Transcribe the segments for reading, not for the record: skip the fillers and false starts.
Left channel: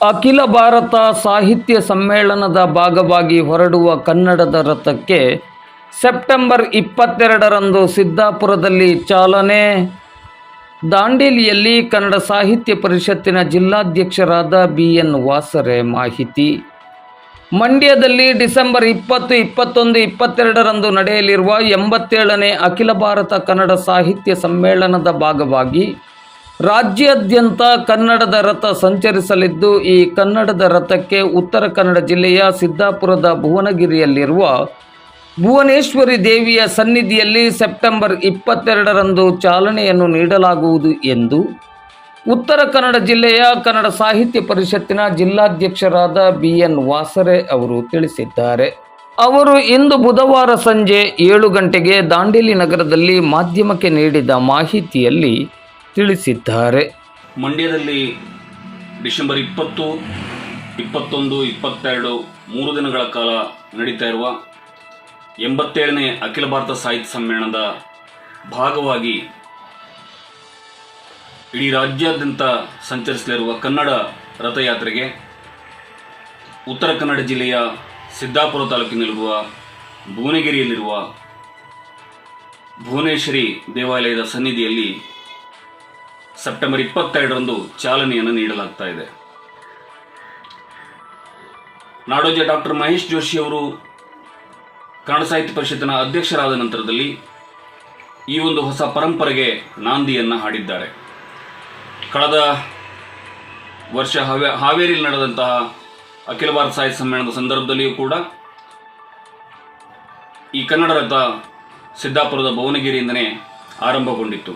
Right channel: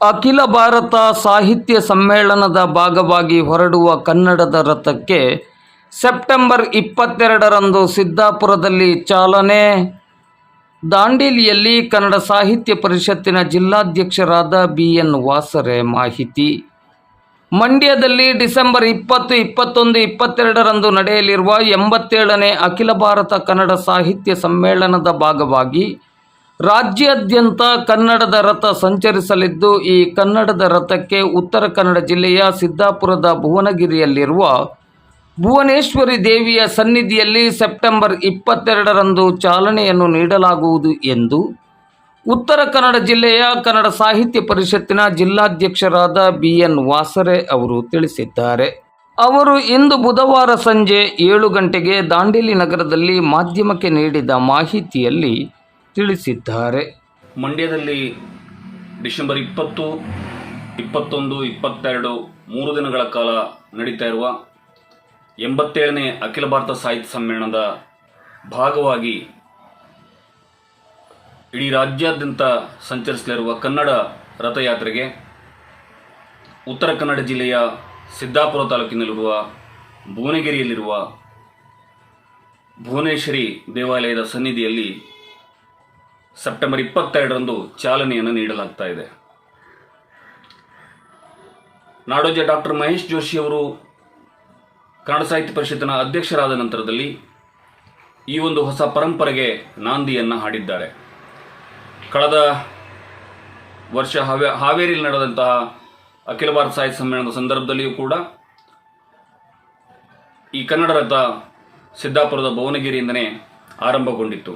ಅಖಿಲ ಭಾರತ ಸಾಹಿತ್ಯ ಸಮ್ಮೇಳನದ ಭಾಗವಾಗಿ ಹೊರಡುವ ಕನ್ನಡದ ರಥಕ್ಕೆ ಸೆಪ್ಟೆಂಬರ್ 22ರಂದು ಸಿದ್ದಾಪುರದಲ್ಲಿ ಚಾಲನೆ. ದಾಂಡೇಲಿಯಲ್ಲಿ ಕನ್ನಡ ಸಾಹಿತ್ಯ ಪರಿಷತ್ತಿನ ಜಿಲ್ಲಾಧ್ಯಕ್ಷರಾದ BN ವಾಸರೆ ಮಾಹಿತಿ. ಮಂಡ್ಯದಲ್ಲಿ ಡಿಸೆಂಬರ್ 20, 21, 22ರಂದು ನಡೆಯಲಿರುವ 87ನೇ ಅಖಿಲ ಭಾರತ ಕನ್ನಡ ಸಾಹಿತ್ಯ ಸಮ್ಮೇಳನದ ಭಾಗವಾಗಿ ರಾಜ್ಯಾದ್ಯಂತ ಕನ್ನಡದ ರಥ ಸಂಚರಿಸಲಿದ್ದು, ಈ ಕನ್ನಡದ ರಥಕ್ಕೆ ಉತ್ತರ ಕನ್ನಡ ಜಿಲ್ಲೆಯ ಸಿದ್ದಾಪುರದ ಭುವನಗಿರಿಯಲ್ಲಿರುವ ಭುವನೇಶ್ವರಿ ದೇವಿಯ ಸನ್ನಿಧಿಯಲ್ಲಿ ಸೆಪ್ಟೆಂಬರ್ 22ರಂದು ಚಾಲನೆಯನ್ನು ನೀಡಲಾಗುವುದು ಎಂದು ಉತ್ತರ ಕನ್ನಡ ಜಿಲ್ಲೆಯ ಕನ್ನಡ ಸಾಹಿತ್ಯ ಪರಿಷತ್ತಿನ ಜಿಲ್ಲಾಧ್ಯಕ್ಷರಾದ BN ವಾಸರೆ ಅವರು ತಿಳಿಸಿದ್ದಾರೆ. ಅವರು ಇಂದು ಬುಧವಾರ ಸಂಜೆ 7 ಗಂಟೆಗೆ ದಾಂಡೇಲಿ ನಗರದಲ್ಲಿ ಮಾಧ್ಯಮಕ್ಕೆ ನೀಡಿದ ಮಾಹಿತಿಯಲ್ಲಿ ತಿಳಿಸಿದ್ದಾರೆ. ಮಂಡ್ಯದಲ್ಲಿ ಡಿಸೆಂಬರ್ 20, 21, 22 3 ದಿನಗಳ ಕಾಲ ನಡೀತಾ ಇರುವ 87ನೇ ಅಖಿಲ ಭಾರತ ಸಾಹಿತ್ಯ ಸಮ್ಮೇಳನದ ಭಾಗವಾಗಿ ಇಡೀ ರಾಜ್ಯಾದ್ಯಂತ ಸಂಚರಿಸಲಿರುವ ಕನ್ನಡ ರಥಯಾತ್ರೆಗೆ ಉತ್ತರ ಕನ್ನಡ ಜಿಲ್ಲೆಯ ಸಿದ್ದಾಪುರ ತಾಲೂಕಿನಲ್ಲಿರುವ ಭುವನಗಿರಿಯಲ್ಲಿರುವ ಭುವನೇಶ್ವರಿ ದೇವಾಲಯದ ಸನ್ನಿಧಿಯಲ್ಲಿ ಸೆಪ್ಟೆಂಬರ್ 22ರಂದು ಚಾಲನೆಯನ್ನು ನೀಡಲಾಗ್ತಾ ಇದೆ. ನಾಡೋಜ ಡಾಕ್ಟರ್ ಮಹೇಶ್ ಜೋಶಿ ಅವರು ಕನ್ನಡ ಸಾಹಿತ್ಯ ಪರಿಷತ್ತಿನ ಅಧ್ಯಕ್ಷರಾದ ನಂತರದಲ್ಲಿ ಈ ಒಂದು ಹೊಸ ಪರಂಪರೆಗೆ ನಾಂದಿಯನ್ನು ಹಾಡಿದ್ದಾರೆ. ಕಳೆದ ವರ್ಷ ಹಾವೇರಿಯಲ್ಲಿ ನಡೆದಂತಹ ಅಖಿಲ ಭಾರತ ಸಾಹಿತ್ಯ ಸಮ್ಮೇಳನದ ಸಂದರ್ಭದಲ್ಲಿಯೂ ಕೂಡ ಈ ಕನ್ನಡ ರಥ ಸಿದ್ದಾಪುರದ ಭುವನಗಿರಿಯಿಂದನೇ ಆರಂಭಗೊಂಡಿತ್ತು.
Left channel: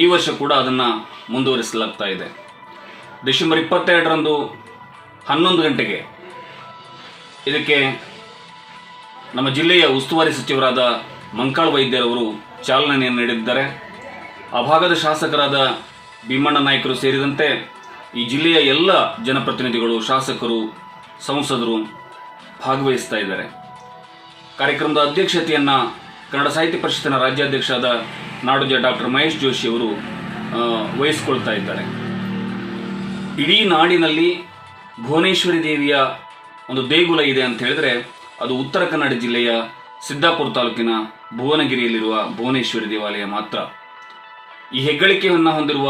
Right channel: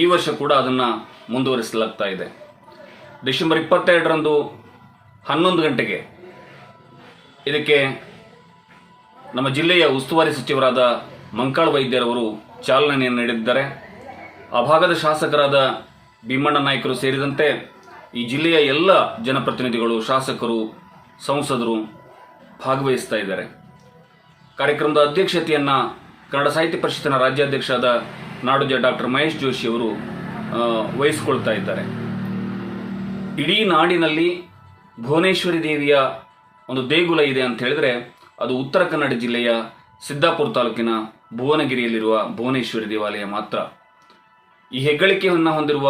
ಈ ವರ್ಷ ಕೂಡ ಅದನ್ನು ಮುಂದುವರಿಸಲಾಗ್ತಾ ಇದೆ. ಡಿಸೆಂಬರ್ 22ರಂದು 11 ಗಂಟೆಗೆ ಇದಕ್ಕೆ ನಮ್ಮ ಜಿಲ್ಲೆಯ ಉಸ್ತುವಾರಿ ಸಚಿವರಾದ ಮಂಕಾಳ ವೈದ್ಯರವರು ಚಾಲನೆಯನ್ನು ನೀಡಿದ್ದಾರೆ. ಆ ಭಾಗದ ಶಾಸಕರಾದ ಭೀಮಣ್ಣ ನಾಯ್ಕರು ಸೇರಿದಂತೆ ಈ ಜಿಲ್ಲೆಯ ಎಲ್ಲ ಜನಪ್ರತಿನಿಧಿಗಳು, ಶಾಸಕರು, ಸಂಸದರು ಭಾಗವಹಿಸ್ತಾ ಇದ್ದಾರೆ. ಕಾರ್ಯಕ್ರಮದ ಅಧ್ಯಕ್ಷತೆಯನ್ನು ಕನ್ನಡ ಸಾಹಿತ್ಯ ಪರಿಷತ್ತಿನ ರಾಜ್ಯಾಧ್ಯಕ್ಷರಾದ ನಾಡೋಜ ಡಾಕ್ಟರ್ ಮಹೇಶ್ ಜೋಶಿ ಅವರು ವಹಿಸಿಕೊಳ್ತಾ ಇದ್ದಾರೆ. ಇಡೀ ನಾಡಿನಲ್ಲಿ ಭುವನೇಶ್ವರಿ ದೇವಿಯ ಒಂದು ದೇಗುಲ ಇದೆ ಅಂತ ಹೇಳಿದ್ರೆ ಅದು ಉತ್ತರ ಕನ್ನಡ ಜಿಲ್ಲೆಯ ಸಿದ್ದಾಪುರ ತಾಲೂಕಿನ ಭುವನಗಿರಿಯಲ್ಲಿರುವ ಭುವನೇಶ್ವರಿ ದೇವಾಲಯ ಮಾತ್ರ. ಈ ಹೆಗ್ಗಳಿಕೆಯನ್ನು ಹೊಂದಿರುವ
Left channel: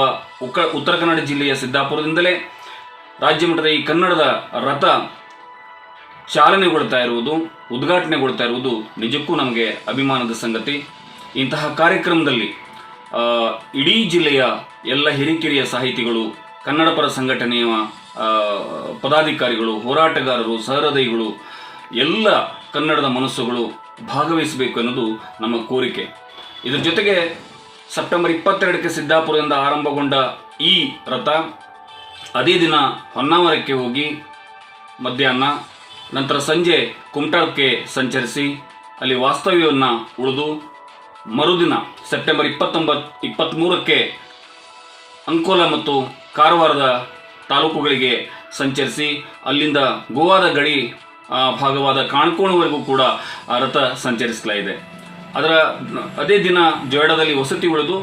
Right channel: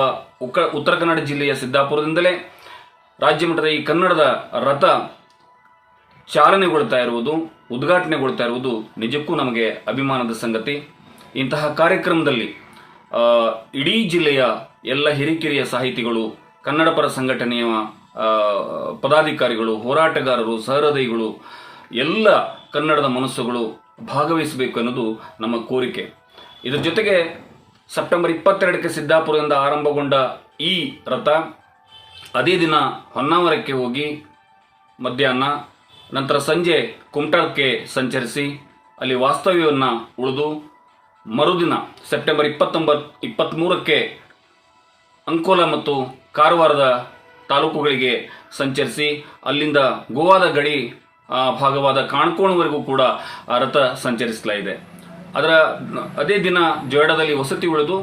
ಉತ್ತರ ಕನ್ನಡ ಜಿಲ್ಲೆಯ ಸಿದ್ದಾಪುರದಿಂದಲೇ ರಾಜ್ಯ ಮಟ್ಟದ ಈ ಕನ್ನಡದ ರಥ ಚಾಲನೆಗೊಳ್ತಾ ಇರುವುದು, ಉದ್ಘಾಟನೆಗೊಳ್ತಾ ಇರುವುದು ನಿಜಕ್ಕೂ ನಮಗೆ ಅಭಿಮಾನದ ಸಂಗತಿ. ಇಂತಹ ಕಾರ್ಯಕ್ರಮದಲ್ಲಿ ಇಡೀ ಜಿಲ್ಲೆಯ ಎಲ್ಲ ಹಿರಿಕಿರಿಯ ಸಾಹಿತಿಗಳು, ಕನ್ನಡ ಪರ ಸಂಘಟನೆಯ ಪದಾಧಿಕಾರಿಗಳು, ಹೋರಾಟಗಾರರು, ಸಹೃದಯಿಗಳು, ಎಲ್ಲ ಕನ್ನಡದ ಮನಸ್ಸುಗಳು ಭಾಗವಹಿಸಬೇಕು ಅನ್ನೋದು ನಮ್ಮ ಕೋರಿಕೆ. ಇದರ ಜೊತೆಗೆ ಸೆಪ್ಟೆಂಬರ್ 22ಕ್ಕೆ ಸಿದ್ದಾಪುರದಿಂದ ಆರಂಭಗೊಂಡ ಈ ರಥ ಅದೇ ದಿನ ಹೊನ್ನಾವರಕ್ಕೆ ಹೋಗಿ ಮಧ್ಯಾಹ್ನ, ನಂತರ ಸಂಜೆ ಕುಮಟಾಕ್ಕೆ ಸಂಚರಿಸಿ ಅಲ್ಲಿ ವಾಸ್ತವ್ಯವನ್ನು ಉಳಿದು ಮರುದಿನ ಸೆಪ್ಟೆಂಬರ್ 23ಕ್ಕೆ ಅಂಕೋಲ ಮತ್ತು ಕಾರವಾರದ ತಾಲೂಕುಗಳಿಗೆ ಸಂಚರಿಸಿ ಅಲ್ಲಿಂದ ಗೋವಾದ ಗಡಿ ಭಾಗವಾದ ಕಾಣ್ಕೋಣವರೆಗೂ ಕೂಡ ಆ ರಥ ಸಂಚರಿಸಲಾಗಿದೆ. ಅದೇ ದಿನ ಜೊಯ್ಡಾದಲ್ಲಿ ವಸತಿ ಉಳಿದು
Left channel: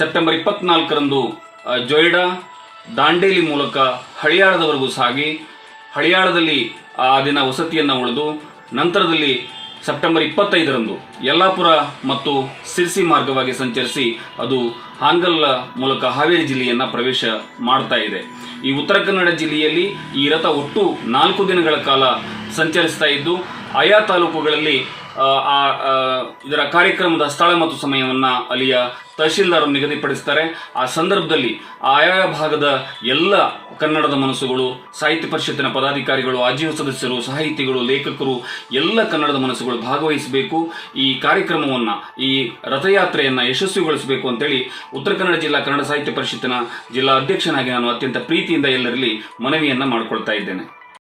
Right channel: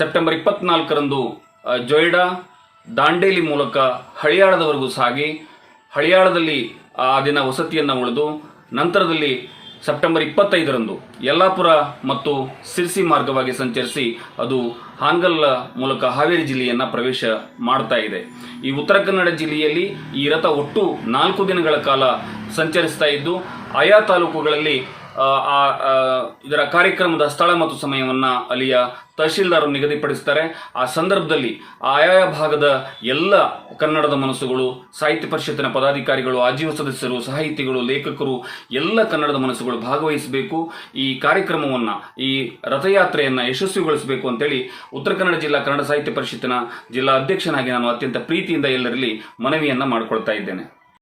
ಸೆಪ್ಟೆಂಬರ್ 24ರಂದು ಜೊಯ್ಡಾ ದಾಂಡೇಲಿ ಮೂಲಕ ಹಳಿಯಾಳದವರೆಗೂ ಸಾಗಿ ಹಳಿಯಾಳದಲ್ಲಿ ಆ ದಿನ ವಸತಿಯನ್ನು ಉಳಿದು ನಂತರದಲ್ಲಿ ಸೆಪ್ಟೆಂಬರ್ 25ರಂದು ಯಲ್ಲಾಪುರ ಮತ್ತು ಸಿರ್ಸಿ ಮಾರ್ಗವಾಗಿ ಸಂಚರಿಸಿ ಅದು ಹಾನಗಲ್ ಮೂಲಕ ಹಾವೇರಿ ಜಿಲ್ಲೆಯನ್ನು ಪ್ರವೇಶ ಮಾಡ್ತಾ ಇದೆ. ಈ ಉತ್ತರ ಕನ್ನಡ ಜಿಲ್ಲೆಯಲ್ಲಿ ಈ ರಥ ಒಟ್ಟು 4 ದಿನಗಳ ಕಾಲ ಸಂಚರಿಸ್ತಾ ಇದ್ದು ಆಯಾ ತಾಲೂಕುಗಳಲ್ಲಿ ಇದರ ಕಾರ್ಯಕ್ರಮದ ಸ್ಥಳ ಮತ್ತು ಸಮಯವನ್ನು ಅಲ್ಲಿಯ ತಹಶೀಲ್ದಾರ್ ನಿಗದಿಪಡಿಸ್ತಾರೆ. ಆ ಸಂದರ್ಭದಲ್ಲಿ ಆಯಾ ಭಾಗದ ಎಲ್ಲ ಕನ್ನಡದ ಮನಸ್ಸುಗಳು, ಸಾಹಿತ್ಯ ಪರಿಷತ್ತಿನ ಪದಾಧಿಕಾರಿಗಳು, ಆಜೀವ ಸದಸ್ಯರು, ಸಾಹಿತಿಗಳು, ಲೇಖಕರು, ಎಲ್ಲ ಕನ್ನಡದ ಮನಸ್ಸುಗಳು ಭಾಗವಹಿಸಬೇಕು. ಈ ಕಾರ್ಯಕ್ರಮವನ್ನು, ಈ ರಥಯಾತ್ರೆಯನ್ನು ಯಶಸ್ವಿಗೊಳಿಸಬೇಕು ಅಂತೇಳಿ ಉತ್ತರ ಕನ್ನಡ ಜಿಲ್ಲಾ ಕನ್ನಡ ಸಾಹಿತ್ಯ ಪರಿಷತ್ತಿನ ಜಿಲ್ಲಾ ಅಧ್ಯಕ್ಷನಾಗಿ ನಾನು ಅತ್ಯಂತ ಪ್ರೀತಿಯಿಂದ ಎಲ್ಲರಲ್ಲಿ ಮನವಿಯನ್ನು ಮಾಡಿಕೊಳ್ತಾ ಇದ್ದೇನೆ.